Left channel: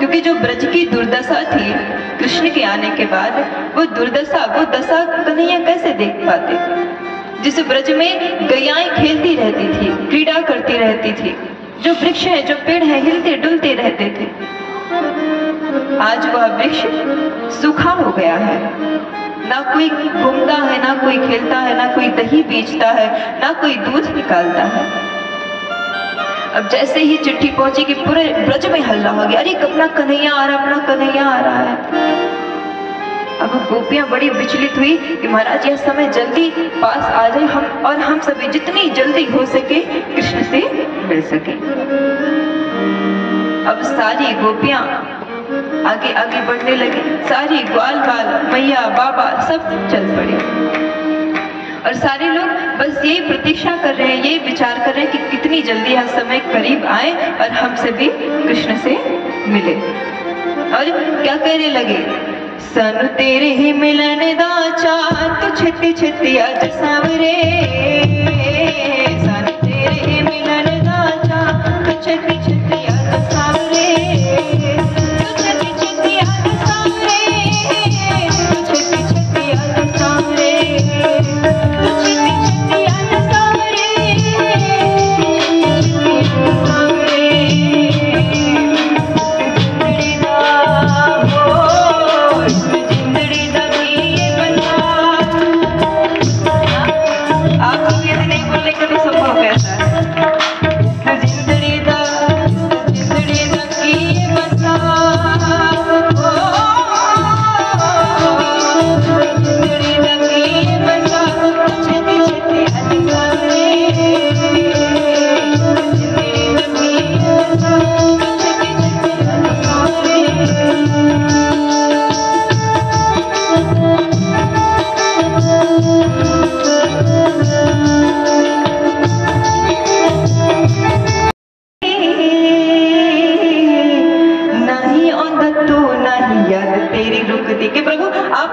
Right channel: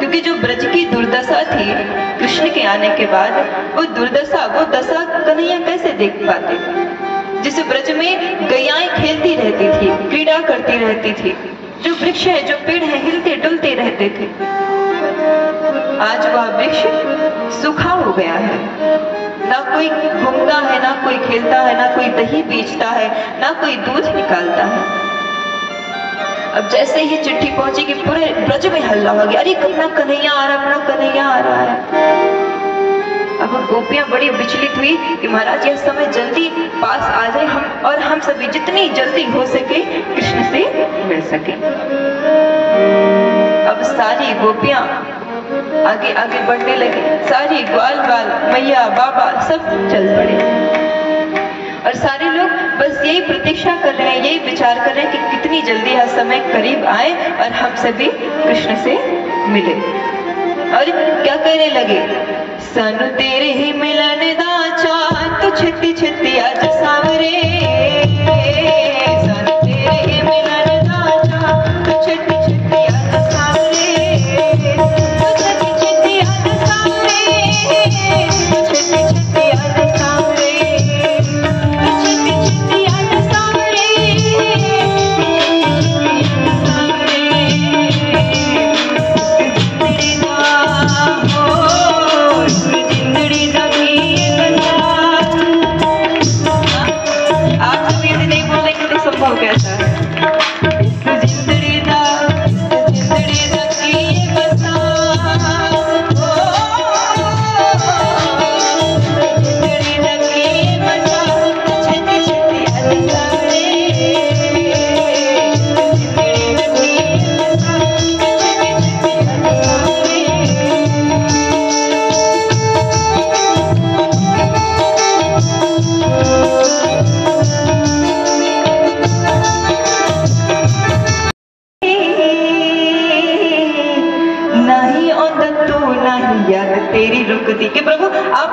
क्योंकि जो ब्रज की दुर्दशा थी कृष्ण के आने के बाद, वो दुर्दशा, वो दशा कन्हैया कैसे देख पाते? जिस ब्रज में गैयाएं खेलती रहती थी, क्रीड़ा करती रहती थी, जो वृक्ष है, जो पेड़ है, हिलते डुलते रहते थे, आज वह वृक्ष सूखा हो गया है। ना कोई घूमता है, ना कोई खेलता है, ना कोई दही बेचता है, ना कोई दूध निकालता है। अब जैसे ही चिट्ठी पहुंची कि पूरे ब्रज में हल्ला हो गया, अरे अपना कन्हैया आ रहा, अपना कन्हैया आ रहा है। अब गोपियां बड़ी विचलित हुई कि महाराज यह समय जल्दी पास आ जाए, हम सभी जितनी जल्दी हो सके कृष्ण से मिल सके। अब सारी गोपियां आगे आगे बढ़ने लगी, सारी ग्वाल बाल मैया बाबा सब चल पड़े, और सारे लोग बस यही प्रतीक्षा कर रहे हैं, यही विचार कर रहे हैं कि कितनी जल्दी यह समय करीब आए और हम सभी कृष्ण से मिले। और क्या कहने लगे, सन तेरे ही मिलन दा चांद तू छत्ती छत्ती आज सावरे, सन तेरे ही मिलन दा चांद तू छत्ती छत्ती आज सावरे, तू छत्ती छत्ती आज सावरे, तू छत्ती छत्ती आज सावरे, तू छत्ती छत्ती आज सावरे,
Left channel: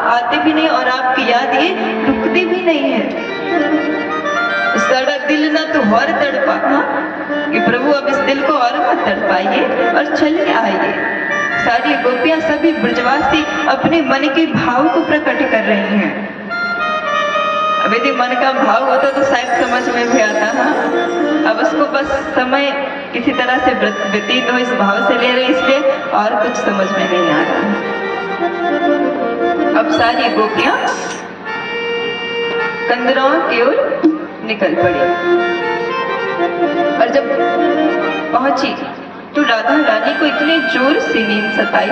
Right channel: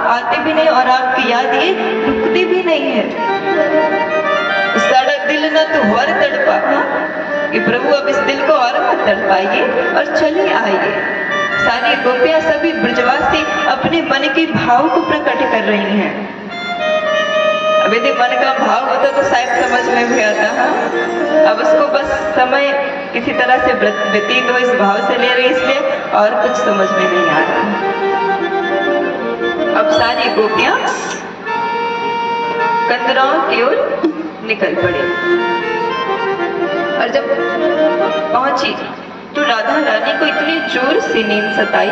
आते भी नहीं और आपकी याद ये रुकती भी नहीं है। साड़ा दिल ना तो और तड़पा, कि प्रभु अब इस दिल को और मत तड़पाइए और चलिए आइए। सारी गोपियां सभी ब्रजवासी अपने मन के भाव को प्रकट कर रही हैं। अब यदि मन का भाव होता तो शायद समझ में भी आता है, अब उसको बस समय किसी तरह से व्यतीत हो इस भाव से ले रहे, इसलिए और कुछ समझ में नहीं आ रहा। अब सारी गोपियां कंदराओं की ओर निकल पड़ी, और जब पहुंची तो राधा रानी को इतनी जोर से नींद सताई।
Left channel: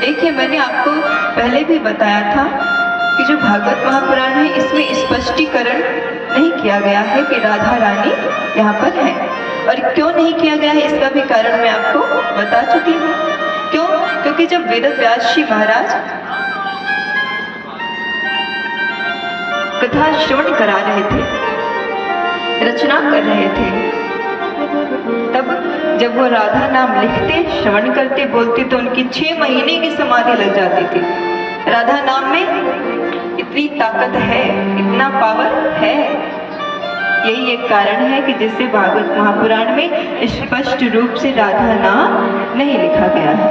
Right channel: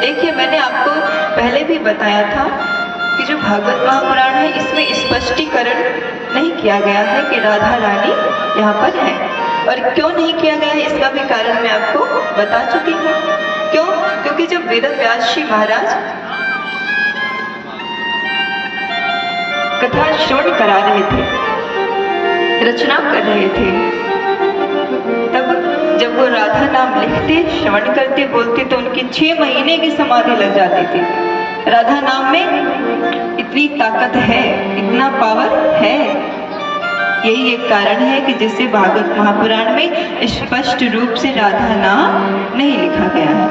देखिए, मैंने आपको पहले भी बताया था कि जो भागवत महापुराण है इसमें स्पष्टीकरण नहीं किया गया है कि राधा रानी यहाँ पर है, और क्यों नहीं किया गया है इसका भी कारण मैं आपको बता चुकी हूँ। क्यों? क्योंकि जब वेद व्यास जी महाराज कथा श्रवण करा रहे थे, रचना कर रहे थे, तब जब वो राधा नाम लिखते, श्रवण करते, बोलते तो उनकी 6 महीने की समाधि लग जाती थी। राधा नाम में इतनी ताकत है, इतना पावर है। यही एक कारण है कि जिससे भागवत महापुराण में स्पष्ट रूप से राधा नाम नहीं लिखा गया है।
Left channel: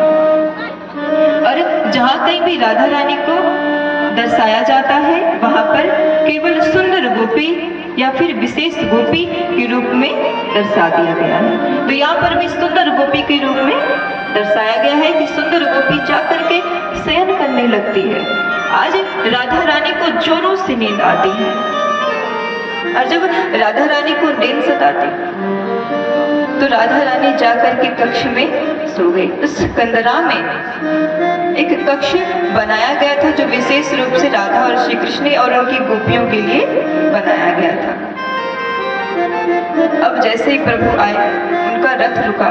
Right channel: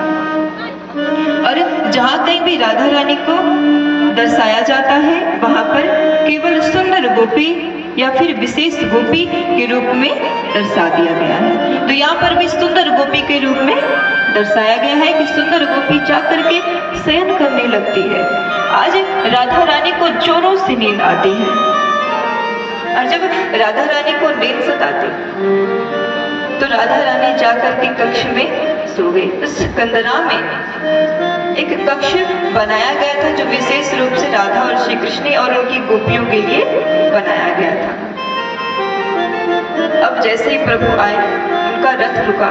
और जहाँ कहीं भी राधा रानी को दर्शाया जाता है वहां पर केवल सुंदर गोपी या फिर विशेष गोपी के रूप में दर्शा दिया गया है। तो यहाँ पर भी सुंदर गोपी के रूप में दर्शाया गया है कि सुंदर गोपी जाकर के शयन करने लगती है। आज राधा रानी को जोरों से नींद आती है, और जब राधा रानी को नींद सताती तो राधा रानी जाकर के कक्ष में सो गई। उस कंदरा में एक कक्ष बनाया गया था जो विशेष रूप से राधा और श्री कृष्ण और उनकी गोपियों के लिए बनाया गया था। अब जैसे ही प्रभु आए, उनका रथ रुका,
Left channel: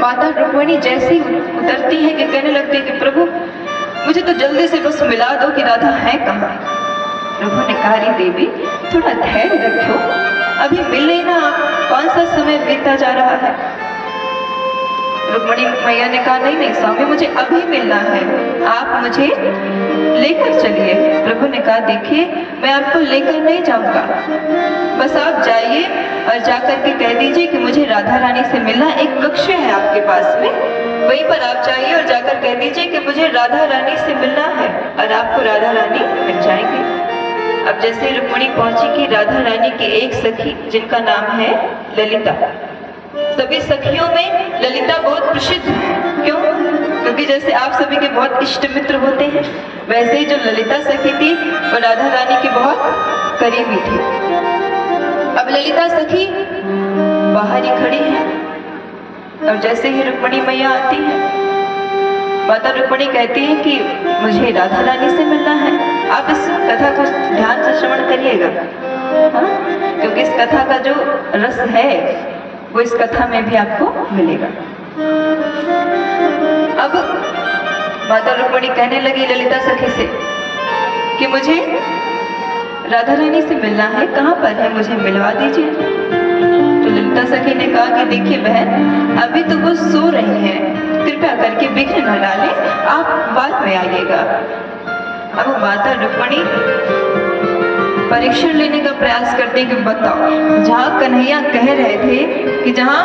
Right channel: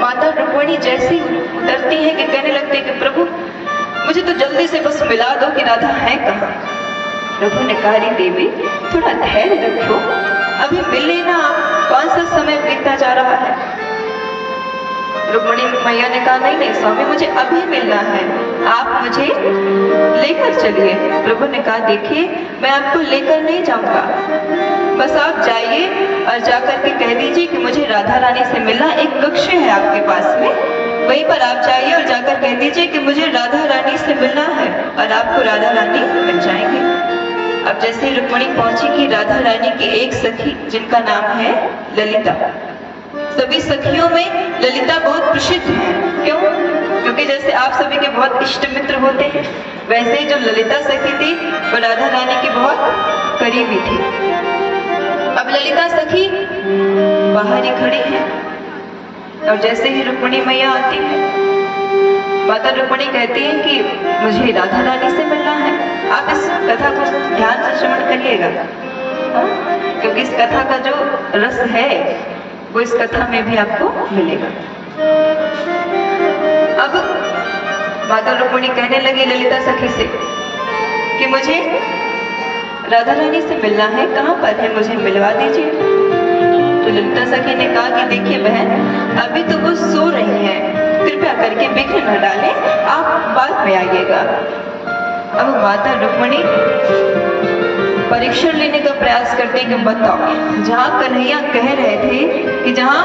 माता रुक्मिणी जैसे ही उतरती है कि कहने लगते हैं कि प्रभु मुझे तो जल्दी से बस मिला दो कि राधा है कहाँ। प्रभु ने कहा, री देवी थोड़ा धैर्य रखो, अभी मिल लेना, कौन सा समय बीतता जा रहा है। रुक्मिणी मैया ने कहा, नहीं नहीं स्वामी, मुझे अभी मिलना है, आप मुझे लेकर चलिए। प्रभु ने कहा, देखिए मैं आपको लेकर नहीं जाऊंगा, बस आप जाइए और जाकर के कह दीजिए कि मुझे राधा रानी से मिलना। एक कक्ष है आपके पास में, वहीं पर आप जाइए और जाकर कह दीजिए कि मुझे राधा रानी से मिलना है, और आपको राधा रानी मिल जाएंगे। अब जैसे रुक्मिणी पहुंची कि राधा रानी की एक सखी जिनका नाम है ललिता, सभी सखियों में ललिता बहुत प्रसिद्ध है। क्यों? क्योंकि जैसे आप सभी के बहुत इष्ट मित्र होते हैं, वैसे ही जो ललिता सखी थी वो राधा रानी की बहुत करीबी थी। अब ललिता सखी बाहर ही खड़ी है, और जैसे ही रुक्मिणी मैया आती है, माता रुक्मिणी कहती है कि मुझे राधा रानी से मिलना है। आप इस कथा को ध्यान से श्रवण करिएगा, क्योंकि इस कथा का जो रस है वो इस कथा में भी आपको मिलेगा। अब माता रुक्मिणी कहने लगी ललिता सखी से कि मुझे राधा रानी से मिलना है, कहाँ पर है, मुझे मिलवा दीजिए। तो ललिता सखी ने कहा कि देखिए बहन, अभी तो वो सो रही है, कृपया करके विघ्न न डालें, आप बाद में आइएगा। अब माता रुक्मिणी परीक्षण लेने का प्रयास करते कि बताओ, जहाँ कन्हैया कह रहे थे कि जहाँ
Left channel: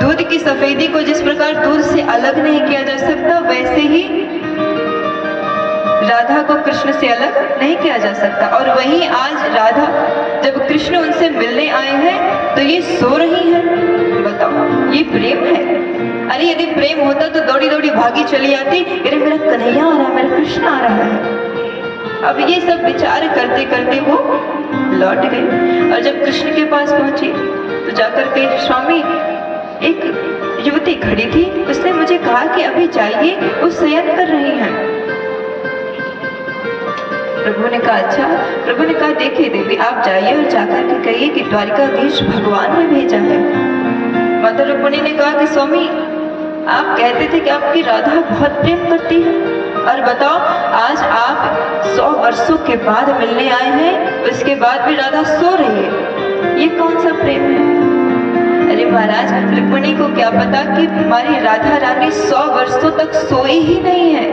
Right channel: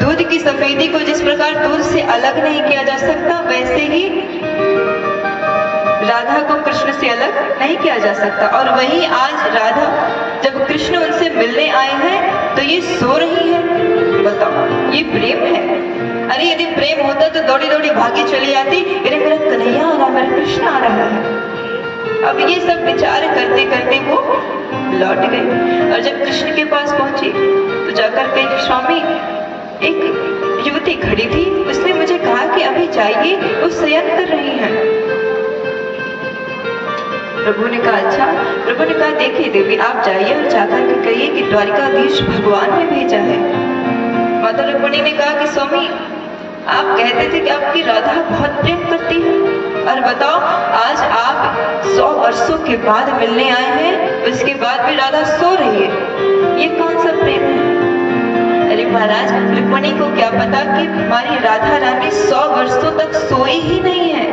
दूध की सफेदी को जिस प्रकार दूध से अलग नहीं किया जा सकता, वैसे ही राधा को कृष्ण से अलग नहीं किया जा सकता, और वही आज राधा जब कृष्ण उनसे मिलने आए हैं तो ये सो रही है। बताओ, ये प्रेम है? अरे यदि प्रेम होता तो दौड़ी दौड़ी भागी चली आती, अरे मेरा कन्हैया आ रहा है, मेरा कृष्ण आ रहा है। अब ये सब विचार करते करते वो लौट गई, और जब कृष्ण के पास पहुंची तो जाकर कही, स्वामी एक युवती खड़ी थी, उसने मुझे कहा कि अभी जाइए, वो शयन कर रही हैं। प्रभु ने कहा अच्छा। प्रभु ने कहा देखिए देवी, आप जाइए और जाकर के कहिए कि द्वारिकाधीश भगवान ने भेजा है। माता रुक्मिणी ने कहा कि स्वामी आप कहते थे कि आपकी राधा बहुत प्रेम करती है, और बताओ आज आप 100 वर्षों के बाद मिलने आए हैं, उसके बाद भी राधा सो रही है, ये कौन सा प्रेम है? अरे महाराज, रुक्मिणी को क्या पता कि हमारी राधा रानी 100 वर्षों तक सोई ही नहीं है।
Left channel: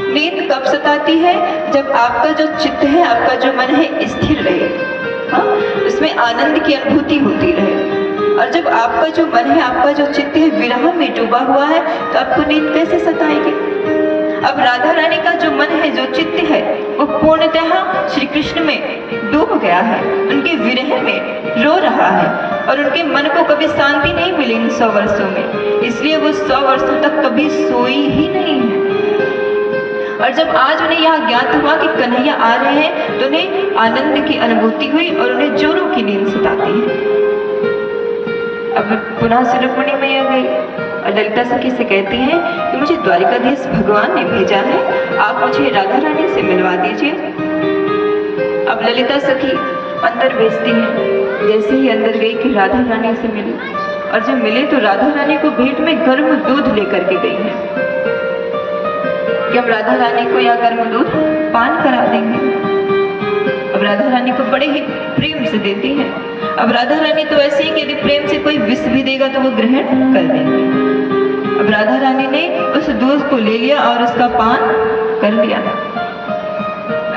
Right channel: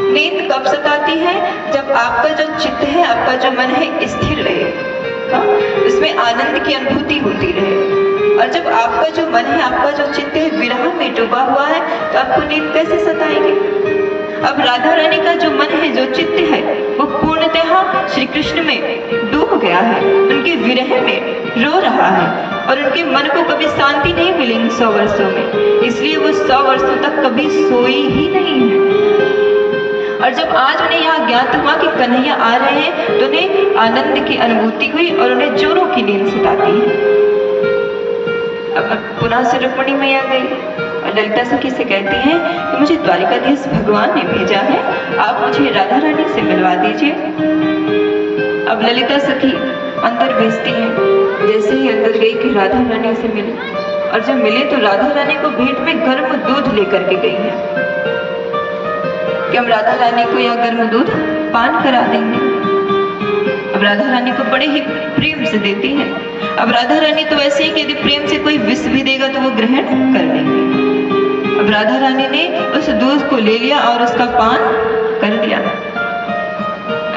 नींद कब सताती है? जब आपका जो चित्त है, आपका जो मन है स्थिर रहे, हाँ, उसमें आनंद की अनुभूति होती रहे। और जब आपका जो मन है, आपका जो चित्त है विरह में डूबा हुआ है, तो आपको नींद कैसे सताएगी? अब राधा रानी का जो मन है, जो चित्त है, वो पूर्णतः श्री कृष्ण में डूब गया है, उनके विरह में रो रहा है, और उनके मन को कभी शांति नहीं मिली इन 100 वर्षों में, इसलिए वो 100 वर्षों तक कभी सोई ही नहीं है। और जब आज उन्हें यह ज्ञात हुआ कि कन्हैया आ रहे हैं, तो उन्हें आनंद की अनुभूति हुई और उन्हें जोरों की नींद सताती है। अब पुनः से रुक्मिणी मैया गई और ललिता सखी से कहती हैं कि मुझे द्वारिकाधीश भगवान ने भेजा है, आप मुझे राधा रानी से मिलवा दीजिए। अब ललिता सखी अंदर भेजती है, जैसे ही अंदर गई कि राधा रानी से मिली, और जब मिले तो राधा रानी को भेंट में गर्म दूध लेकर के गई है कि हम राधा रानी को यह गर्म दूध पान करा देंगे। अब राधा रानी को बड़े ही प्रेम से देती है। अब राधा रानी तो ऐसे ही कि यदि प्रेम से कोई विष भी देगा तो वो ग्रहण कर लेंगे। अब राधा रानी ने उस दूध को ले लिया और उसका पान कर लिया।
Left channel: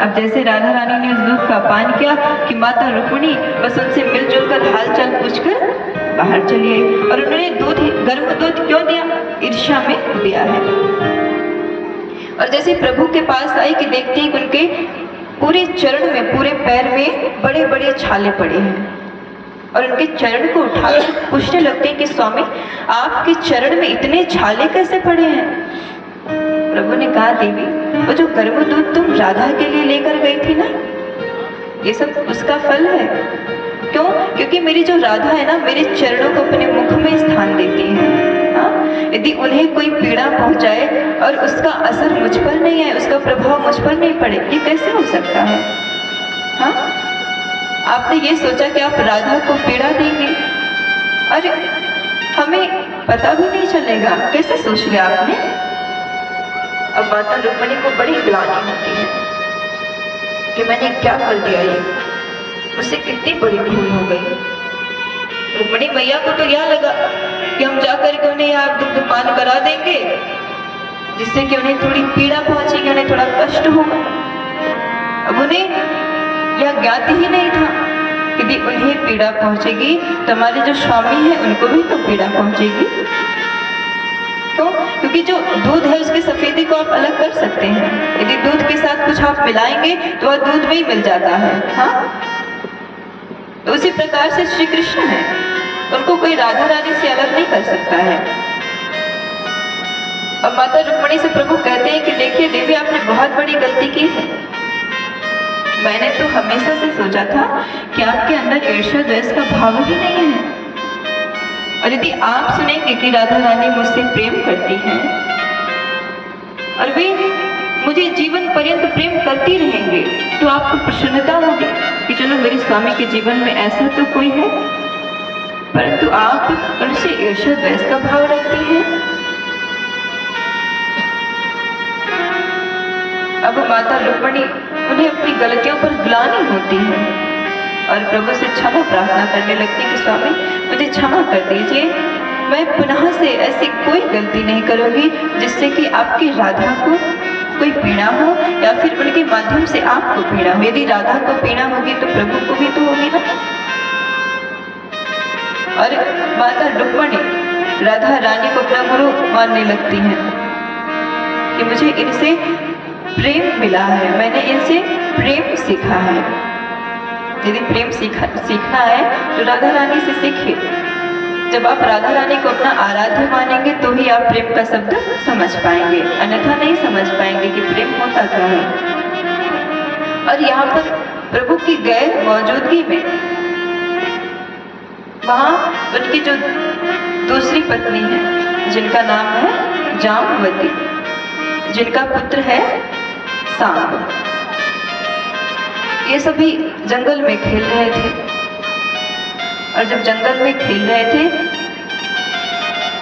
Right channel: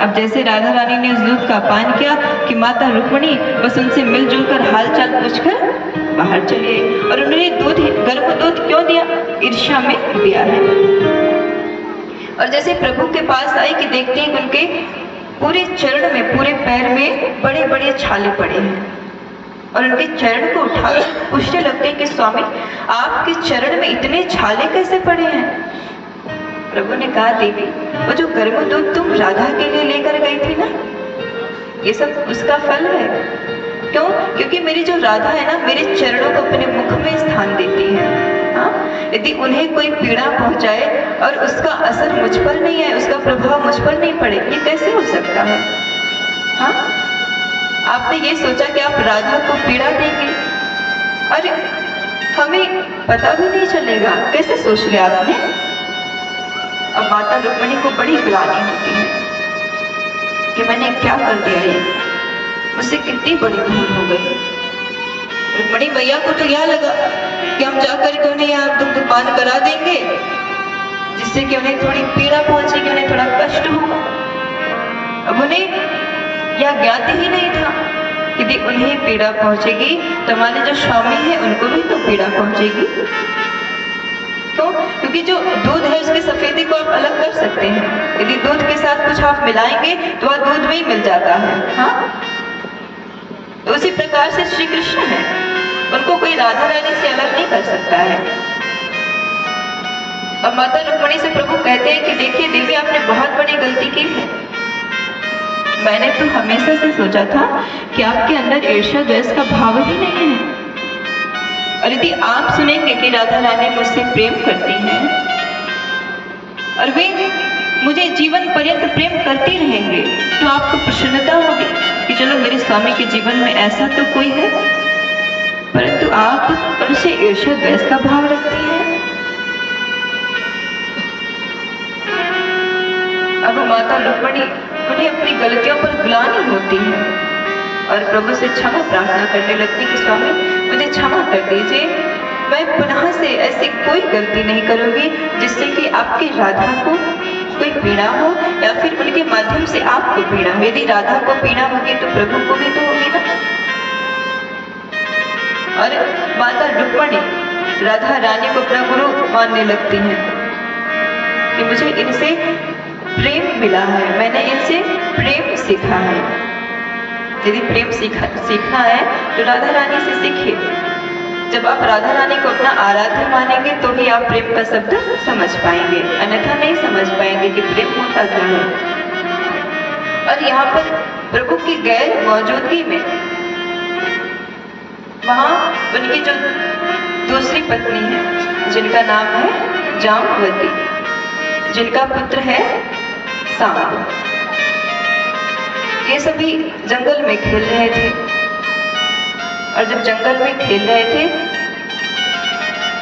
अब जैसे राधा रानी ने उस दूध का पान किया कि माता रुक्मिणी बस उनसे मिलजुल कर हालचाल पूछकर बाहर चली आई, और उन्होंने दूध, गर्म दूध क्यों दिया? ईर्ष्या में दिया है। और जैसे प्रभु के पास आई कि देखते हैं कि उनके पूरे चरण में, पूरे पैर में बड़े बड़े छाले पड़े हैं, और उनके चरण को उठाकर पूछने लगते हैं कि स्वामी आपके चरण में इतने छाले कैसे पड़े हैं? प्रभु ने कहा देवी, वो जो गर्म दूध तुम राधा के लिए लेकर गई थी ना, ये सब उसका फल है। क्यों? क्योंकि मेरी जो राधा है ना, मेरे चरणों को अपने मुख में स्थान देती है। यदि उन्हें कोई पीड़ा पहुंचाए और उसका असर मुझ पर नहीं है, उसका प्रभाव मुझ पर नहीं पड़े, ये कैसे हो सकता है? हाँ, आपने ये सोचा कि आप राधा को पीड़ा देंगे? अरे हमें पता भी नहीं चलेगा, कैसे सोच लिया आपने? अब माता रुक्मिणी को बड़ी ग्लानि होती है कि मैंने क्या कर दिया, ये मुझसे कितनी बड़ी भूल हो गई। रुक्मिणी मैया को तो यह लगा कि हम जाकर के उन्हें यह दुग्ध पान करा देंगे, जिससे कि उन्हें थोड़ी पीड़ा पहुंचेगी, उन्हें थोड़ा कष्ट होगा। अब उन्हें यह ज्ञात ही नहीं था कि यदि उन्हें पीड़ा पहुंचेगी तो हमारे जो स्वामी हैं उनको भी तो पीड़ा पहुंचेगी। दूध है उसकी सफेदी को आप अलग कर सकते हैं। यदि दूध के साथ कुछ आप मिलाएंगे तो वह दूध में ही मिल जाता है। हाँ, तो उसी प्रकार से श्री कृष्ण है, उनको कोई राधा रानी से अलग नहीं कर सकता है। और माता रुक्मिणी से प्रभु कहते हैं कि देखिए देवी, आपने बहुत बड़ी गलती की है। मैंने तो हमेशा से सोचा था कि आपके अंदर ईर्ष्या द्वेष का भाव ही नहीं है। और यदि आप सुनेंगे कि राधा रानी मुझसे प्रेम करती हैं और वे मुझे जीवन पर्यंत प्रेम करती रहेंगे, तो आपको प्रसन्नता होगी कि चलो मेरे स्वामी के जीवन में ऐसा तो कोई है। परंतु आप उनसे ईर्ष्या द्वेष का भाव रखती हैं। अब माता रुक्मिणी उन्हें अपनी गलतियों पर ग्लानि होती है और प्रभु से क्षमा प्रार्थना करने लगती कि स्वामी मुझे क्षमा कर दीजिए, मैं पुनः से ऐसी कोई गलती नहीं करूंगी जिससे कि आपकी राधा को कोई पीड़ा हो या फिर उनके माध्यम से आपको पीड़ा हो। यदि राधा को पीड़ा होगी तो प्रभु को भी तो होगी ना। और माता रुक्मिणी राधा रानी को अपना गुरु मानने लगती हैं कि मुझे इनसे प्रेम मिला है, मैंने इनसे प्रेम सीखा है। यदि प्रेम सीखना है तो राधा रानी से सीखिए। जब आप राधा रानी को अपना आराध्य मानेंगे तो ही आप प्रेम का शब्द समझ पाएंगे, अन्यथा नहीं समझ पाएंगे कि प्रेम होता क्या है। और यहाँ पर प्रभु की गैर मौजूदगी में वहां उनकी जो दूसरी पत्नी है जिनका नाम है जाम्बवती, जिनका पुत्र है सांब, ये सभी जंगल में खेल रहे थे। और जब जंगल में खेल रहे थे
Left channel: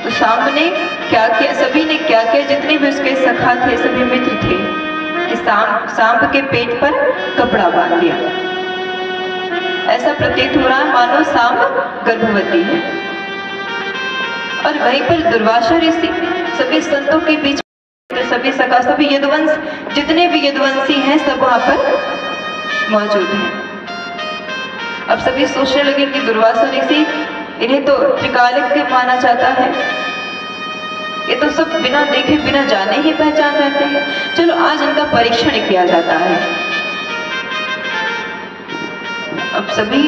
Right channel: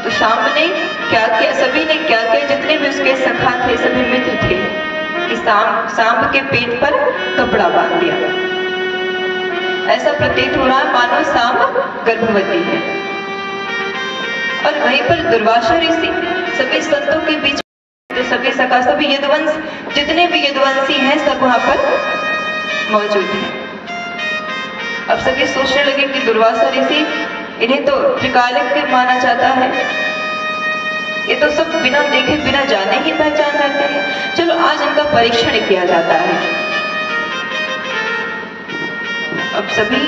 तो सांब ने क्या किया, सभी ने क्या किया, जितने भी उसके सखा थे, सभी मित्र थे, कि सांब के पेट पर कपड़ा बांध दिया। ऐसा प्रतीत हो रहा है मानो सांब गर्भवती है। और वहीं पर दुर्वासा ऋषि सभी संतों के बीच, सभी सखा, सभी यदुवंश, जितने भी यदुवंशी हैं सब वहां पर मौजूद हैं। अब सभी सोचने लगे कि दुर्वासा ऋषि, इन्हें तो त्रिकालज्ञ माना जाता है, ये तो सब बिना देखे बिना जाने ही पहचान रहते हैं, चलो आज इनका परीक्षण किया जाता है। अब सभी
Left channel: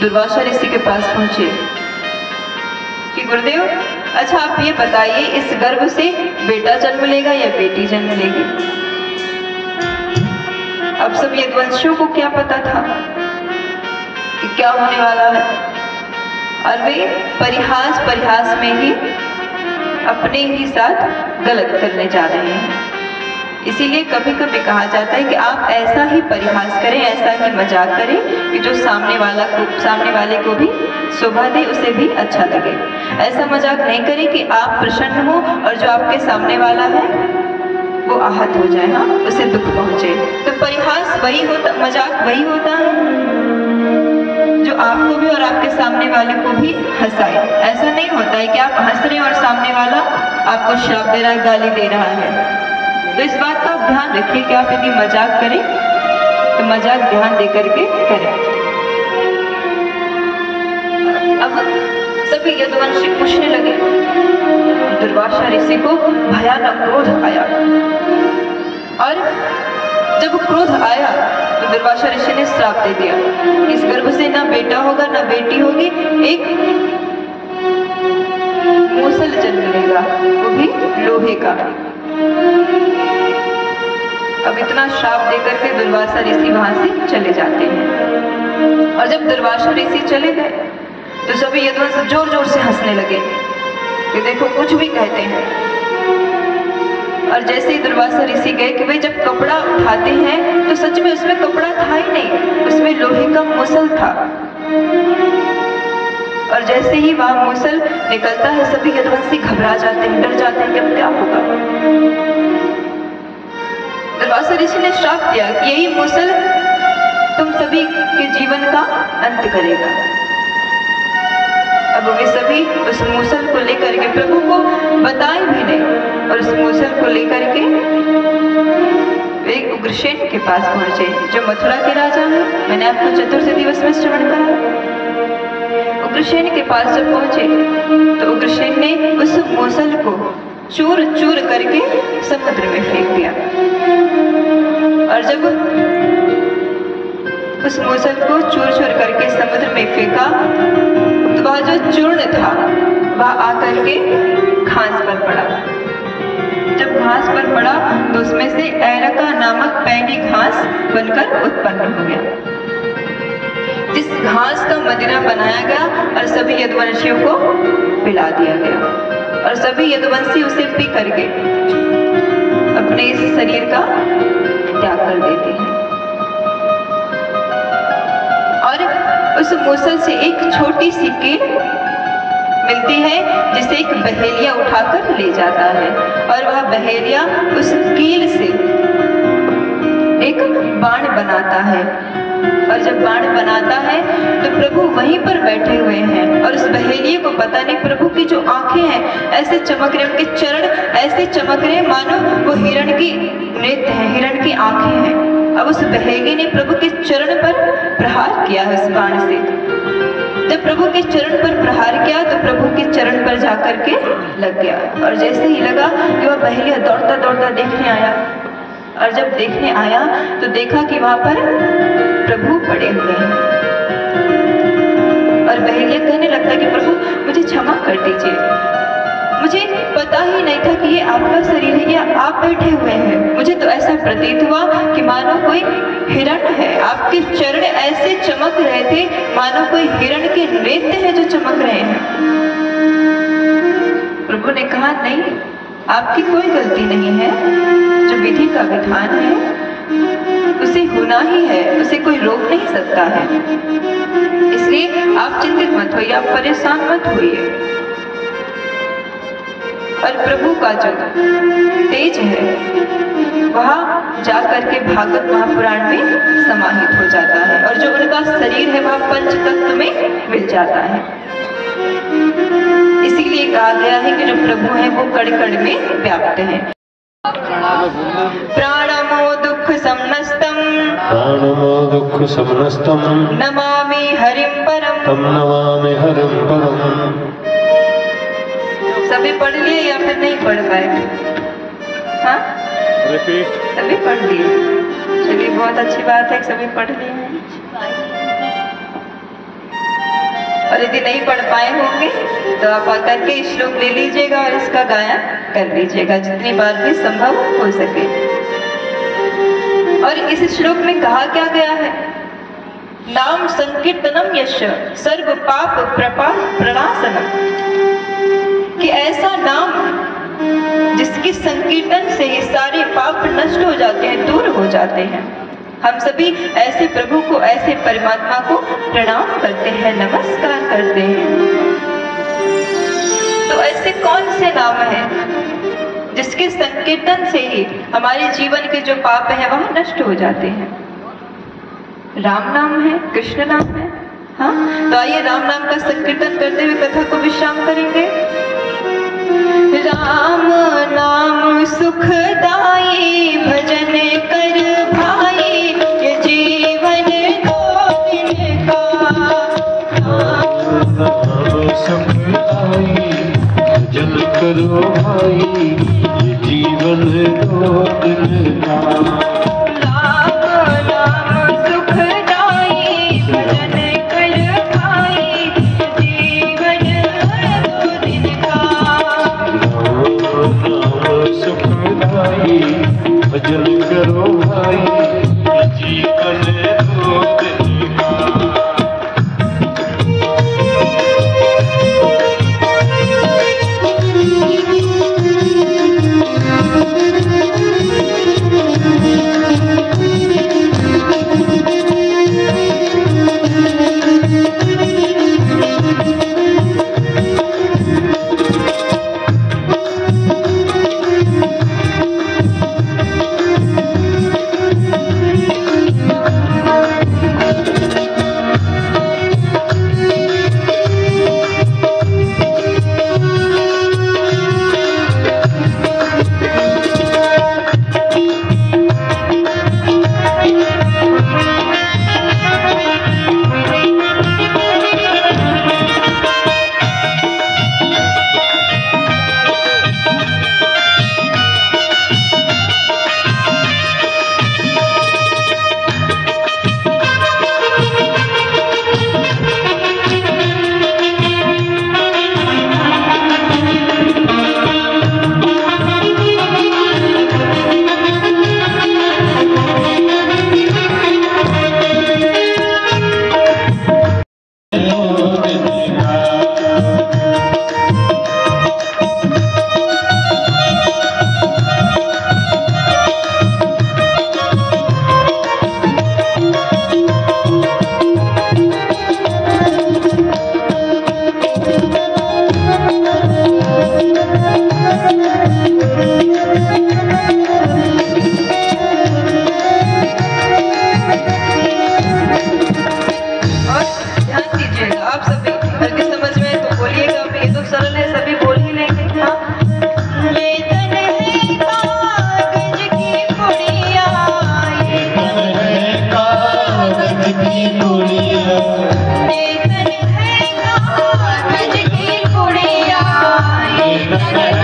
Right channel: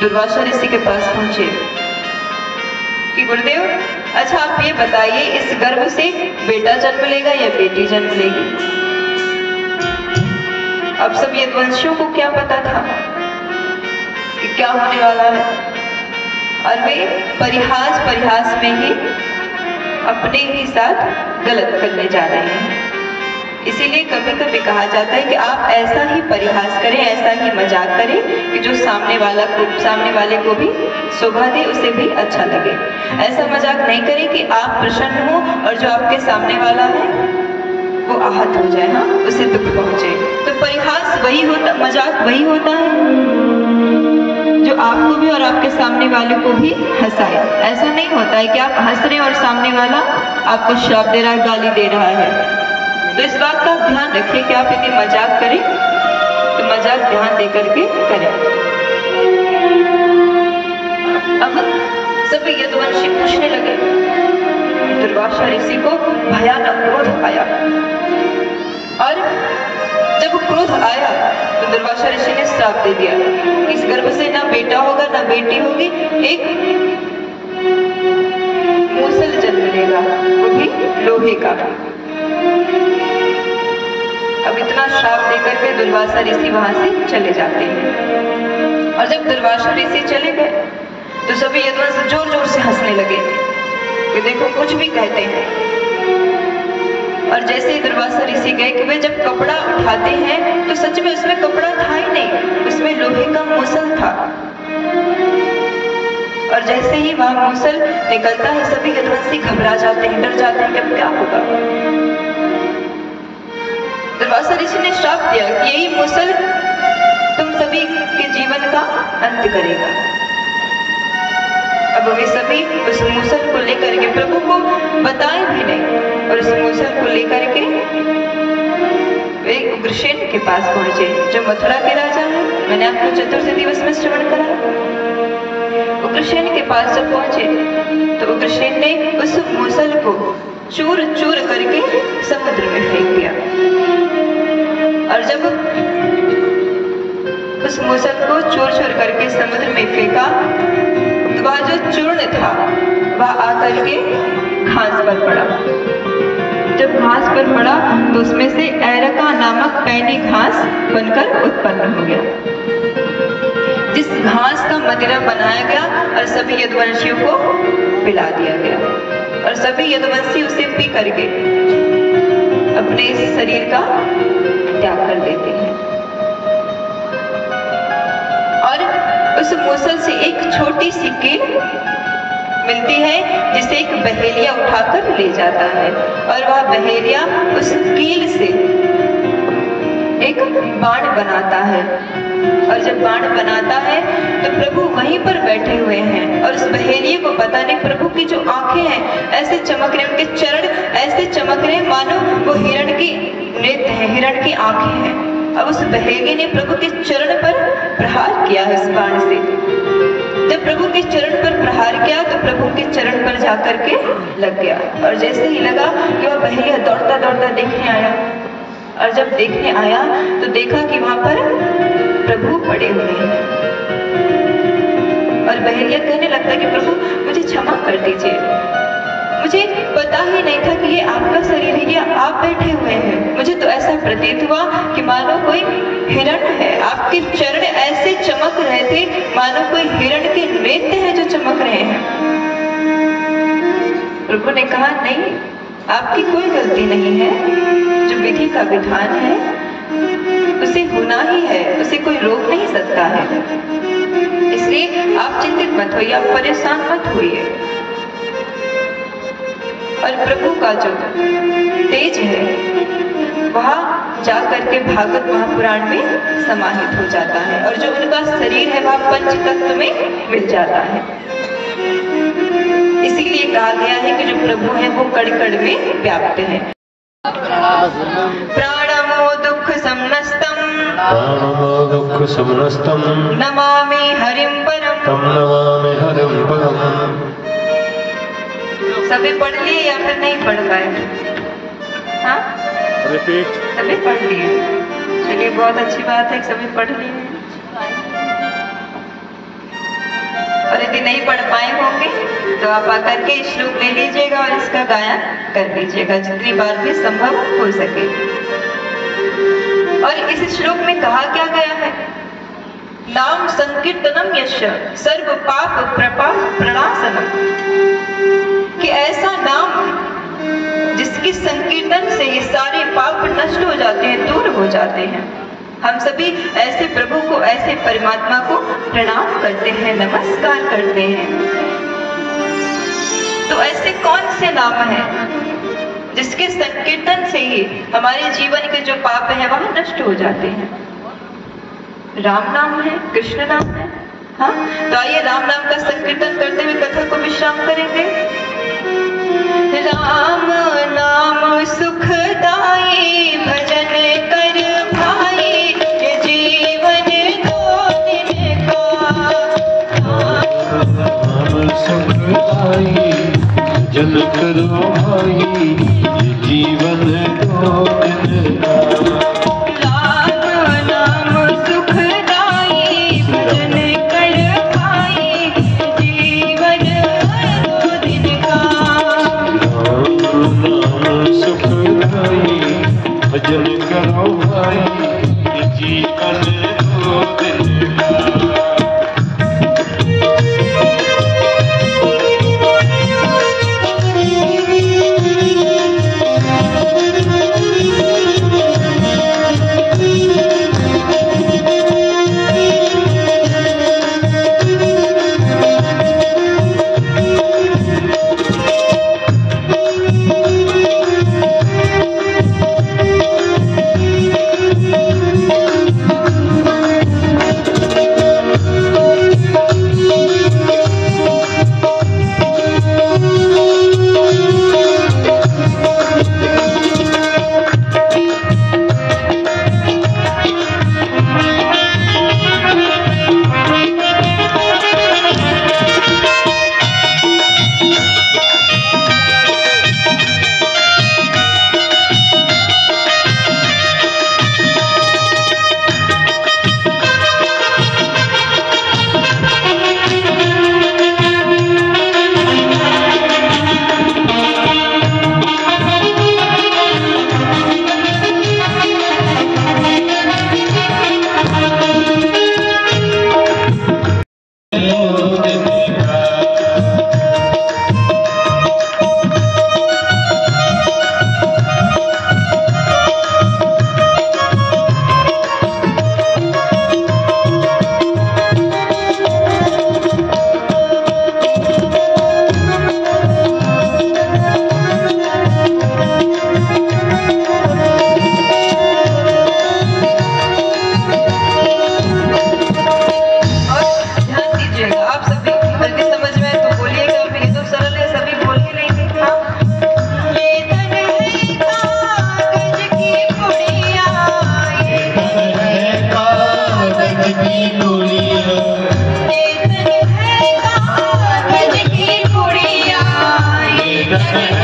दुर्वासा ऋषि के पास पहुंचे कि गुरुदेव, अच्छा आप ये बताइए, इस गर्भ से बेटा जन्म लेगा या बेटी जन्म लेगी? अब सब यदुवंशियों को क्या पता था कि क्या होने वाला है, और वे परिहास में ही अपने ही साथ गलत करने जा रहे हैं। इसीलिए कभी कभी कहा जाता है कि आप ऐसा ही परिहास करें, ऐसा ही मजाक करें कि जो सामने वाले को भी शोभा दे, उसे भी अच्छा लगे। ऐसा मजाक नहीं करें कि आप प्रसन्न हो और जो आपके सामने वाला है वो आहत हो जाए, हाँ, उसे दुख पहुंचे। तो परिहास वही होता, मजाक वही होता है जो आपको भी और आपके सामने वाले को भी हंसाए। ऐसा नहीं होता है कि आप हंस रहे हैं और सामने वाला आपको श्राप दे रहा है, गाली दे रहा है। तो इस बात का ध्यान रखिए कि आप यदि मजाक करें तो मजाक ध्यान दे करके करें। अब सभी यदुवंशी पूछने लगे, दुर्वासा ऋषि को भयानक क्रोध आया, और जब क्रोध आया तो दुर्वासा ऋषि ने श्राप दे दिया, इस गर्भ से ना बेटा होगा ना बेटी होगी, एक मूसल जन्म लेगा, वो भी लोहे का। अब इतना श्राप देकर के दुर्वासा ऋषि वहां से चले जाते हैं। और जब दुर्वासा ऋषि चले गए तो सभी यदुवंश जोर जोर से हंसने लगे कि देखो कुछ भी कहते हैं। और जैसे ही दुर्वासा ऋषि गए कि वे जब कपड़ा उठाते हैं तो सच में उसमें कपड़ा था ही नहीं, उसमें लोहे का मूसल था। और जैसे ही वहां मूसल निकलता है सभी यदुवंशी घबरा जाते हैं, डर जाते हैं कि अब क्या होगा। दुर्वासा ऋषि ने श्राप दिया कि यही मूसल तुम सभी के जीवन का अंत करेगा। अब वे सभी उस मूसल को लेकर के, प्रभु को बताए भी नहीं, और उस मूसल को लेकर के वे उग्रसेन के पास पहुंचे जो मथुरा के राजा हैं। मैंने आपको चतुर्थ दिवस में श्रवण करा। उग्रसेन के पास जब पहुंचे तो उग्रसेन ने उस मूसल को चूर चूर करके समुद्र में फेंक दिया। और जब उस मूसल को चूर चूर करके समुद्र में फेंका तो वह जो चूर्ण था वह आकर के घास पर पड़ा। जब घास पर पड़ा तो उसमें से एरका नामक पैनी घास बनकर उत्पन्न हो गया, जिस घास का मदिरा बनाया गया और सभी यदुवंशियों को पिला दिया गया। और सभी यदुवंशी उसे पी करके अपने इस शरीर का त्याग कर देते हैं। और उस मूसल से एक छोटी सी कील मिलती है जिसे एक बहेलिया उठाकर ले जाता है, और वह बहेलिया उस कील से एक बाण बनाता है। और जब बाण बनाता है तो प्रभु वहीं पर बैठे हुए हैं, और उस बहेलिए को पता नहीं प्रभु की जो आंखें हैं ऐसे चमक रहे, उनके चरण ऐसे चमक रहे मानो वो हिरण की नेत्र है, हिरण की आंखें हैं। अब उस बहेलिए ने प्रभु के चरण पर प्रहार किया है उस बाण से। जब प्रभु के चरण पर प्रहार किया तो प्रभु के चरण पर जाकर के लग गया, और जैसे ही लगा कि वह बहेलिया दौड़ता दौड़ता देखने आया, और जब देखने आया तो देखा कि वहां पर प्रभु पड़े हुए हैं। और बहेलिया कहने लगता कि प्रभु मुझे क्षमा कर दीजिए, मुझे पता ही नहीं था कि ये आपका शरीर है या आप बैठे हुए हैं। मुझे तो ऐसा प्रतीत हुआ कि मानो कोई हिरण है, आपके चरण ऐसे चमक रहे थे मानो कोई हिरण के नेत्र हैं जो चमक रहे हैं। प्रभु ने कहा नहीं, आपकी कोई गलती नहीं है, जो विधि का विधान है उसे होना ही है, उसे कोई रोक नहीं सकता है। इसलिए आप चिंतित मत होइए, आप परेशान मत होइए। और प्रभु का जो तेज है वह जाकर के भागवत महापुराण में समाहित हो जाता है, और जो उनका शरीर है वह पंचतत्व में मिल जाता है। इसीलिए कहा गया है कि जो प्रभु है वो कण कण में व्याप्त है। प्राणमो दुख समनस्तम, प्राणमो दुख समनस्तम, नमामि हरिं परम, नमामि हरिं परम। सभी पढ़ लिए या फिर नहीं पढ़ पाए? हाँ, रिपीट। सभी पढ़ लिए, चलिए बहुत अच्छी बात है, सभी पढ़ लिए हैं। और यदि नहीं पढ़ पाए होंगे तो आप आकर के श्लोक ले लीजिएगा और इसका गायन कर लीजिएगा जितनी बार भी संभव हो सके। और इस श्लोक में कहा क्या गया है? नाम संकीर्तनम यश सर्व पाप प्रणाशनम, कि ऐसा नाम जिसके संकीर्तन से ये सारे पाप नष्ट हो जाते हैं, दूर हो जाते हैं। हम सभी ऐसे प्रभु को, ऐसे परमात्मा को प्रणाम करते हैं, नमस्कार करते हैं। तो ऐसे कौन से नाम हैं जिसके संकीर्तन से ही हमारे जीवन के जो पाप हैं वह नष्ट हो जाते हैं? राम नाम है, कृष्ण नाम है। हाँ, तो आइए राम नाम का संकीर्तन करते हुए कथा को विश्राम करेंगे। राम नाम सुखदाई, भजन कर भाई, ये जीवन दो दिन का। नाम सुखदाई, भजन करो भाई, ये जीवन दो दिन का। भजन करो भाई, ये जीवन दो दिन का। रस